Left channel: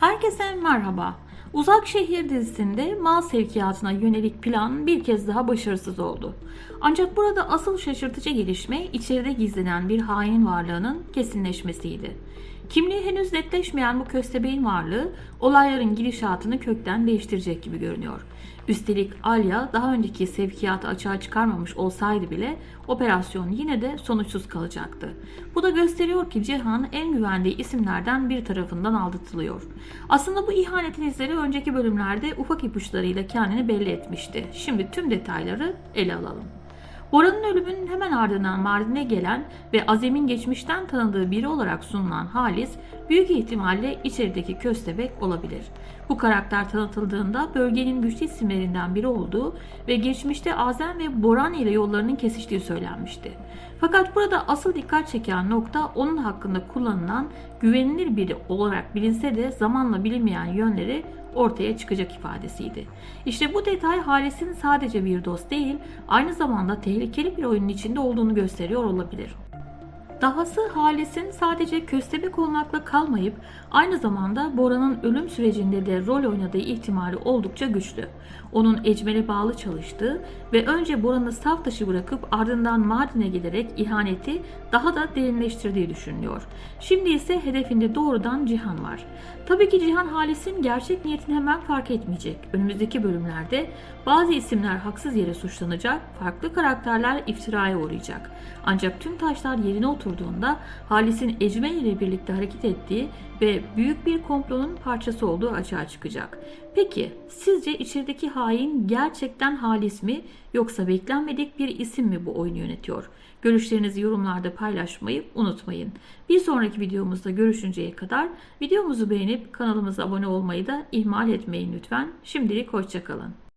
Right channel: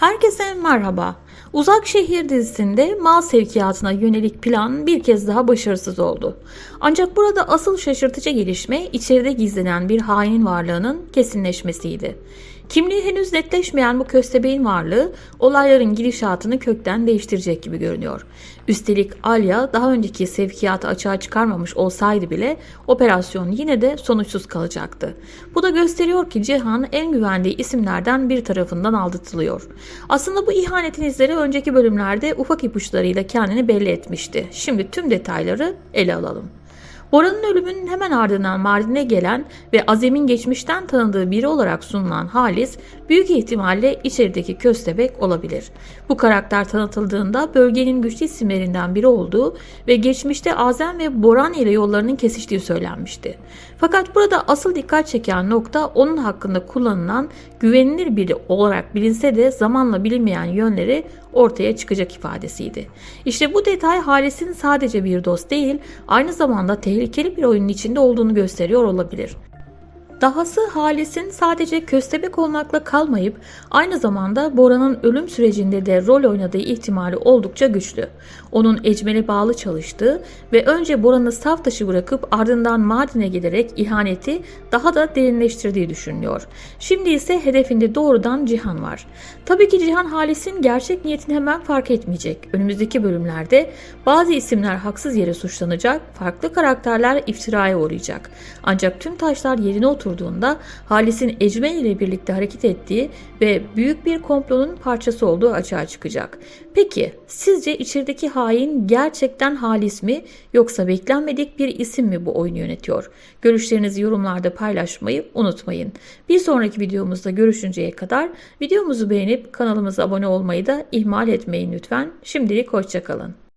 Herkese merhaba. Uzak Şehir dizisinde mal sevkiyatına yönelik plan bir kez daha başarısız oldu. Ancak burada asıl şaşırtıcı gelişme içeride gizlenen bir hainin varlığının kesinleşmesiydi. Kimliği henüz netleşmeyen bu köstebeğin varlığı olayların gidişatını kökten değiştirecek gibi görünüyor. Üstelik Alya daha önceki sevkiyatı açığa çıkarmamış olsaydı bile operasyon yine de sonuçsuz kalacaktı. Bu da gösteriyor ki Cihan en güvendiği isimlerden bir tarafından aldatılıyor. Aslında bu ihanetin izleri önceki bölümlerde ufak ipuçlarıyla kendini belli etmişti. Şimdi tüm detayları ele alalım. Bora'nın ölümünün hemen ardından Mardin'e gelen ve Azem'in geçmişten tanıdığı biri olarak sunulan Halis büyük ihtimalle içerideki köstebek olabilir. Bu karakter tanıtıldığında bölgenin güçlü isimlerinden biri olduğu ve geçmişte Azem ve Boran ile yollarının kesiştiği söylenmişti. Fakat burada asıl dikkat çeken nokta onun hakkında kullanılan güvenilir biri olarak bilinse de zamanla bilinmeyen yönleri ortaya çıkacak ifadesiydi. İşte bu detay Halis'in sadece bir dost değil, aynı zamanda tehlikeli bir oyunun içinde olduğunu gösteriyor olabilir. Dahası Halis'in sadece köstebek olmakla kalmayıp aynı zamanda Bora'nın ölüm sürecinde de rol oynadığı ihtimali oldukça güçlü. Onun Ecmel'e bağlı çalıştığı ve önce Bora'nı saf dışı bırakıp ardından Mardin'e giderek ihaneti daha da derinleştirdiği düşünülüyor. Şimdi ise hedefinde doğrudan Cihan var. Tabii ki Cihan Halis'in gerçek niyetini hemen fark etmeyecek. Önümüzdeki bölümlerde bazı isimler haksız yere suçlanacak, farklı karakterler iftiraya uğrayacak. Ancak tüm taşlar yerine oturduğunda Halis'in Ecmel ile birlikte hareket ettiği ve büyük bir komplonun parçası olduğu açığa çıkacak. Peki sizce içerideki hain gerçekten Halis mi yoksa beklenmedik bir isim mi bu oyunu yönetiyor? Görüşlerinizi yorumlarda paylaşmayı unutmayın. Bir sonraki videomuzda görüşünceye kadar videomuzu beğenip kanalımıza abone olmayı da ihmal etmeyin lütfen. Şimdilik hoşçakalın.